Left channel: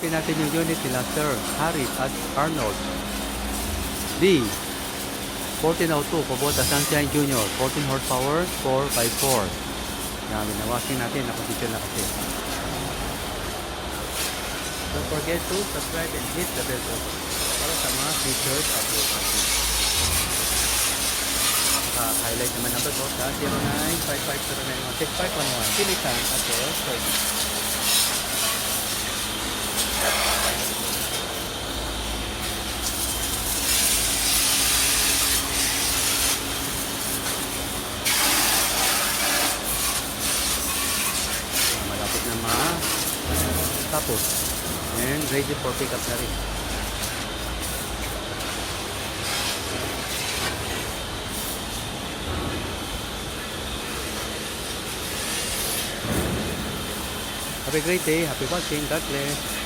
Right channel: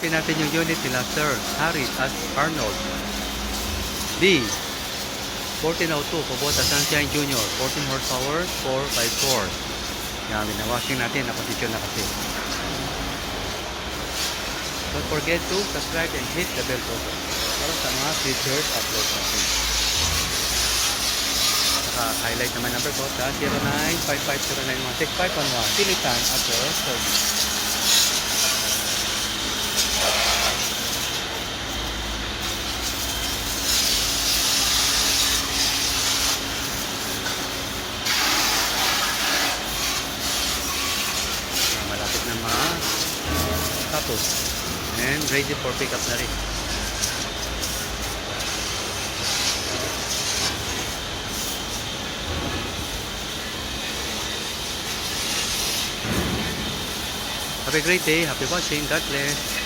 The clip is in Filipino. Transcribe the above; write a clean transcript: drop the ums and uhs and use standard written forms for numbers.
Pin natin yung unit nila Sir Harris at Arnold. B1402 Kubota Sunshine Junior 14 horsepower 4x4. Yan, binawashing natin, na-position na kasi. Don't forget to subscribe and hit the bell button para sa mga future upload natin. Naka-highlight naman number ko sa 095509165111 Pilitan at Service. Malapit na tapos and ready for pickup na rin. Have a great day. Happy watching. God bless.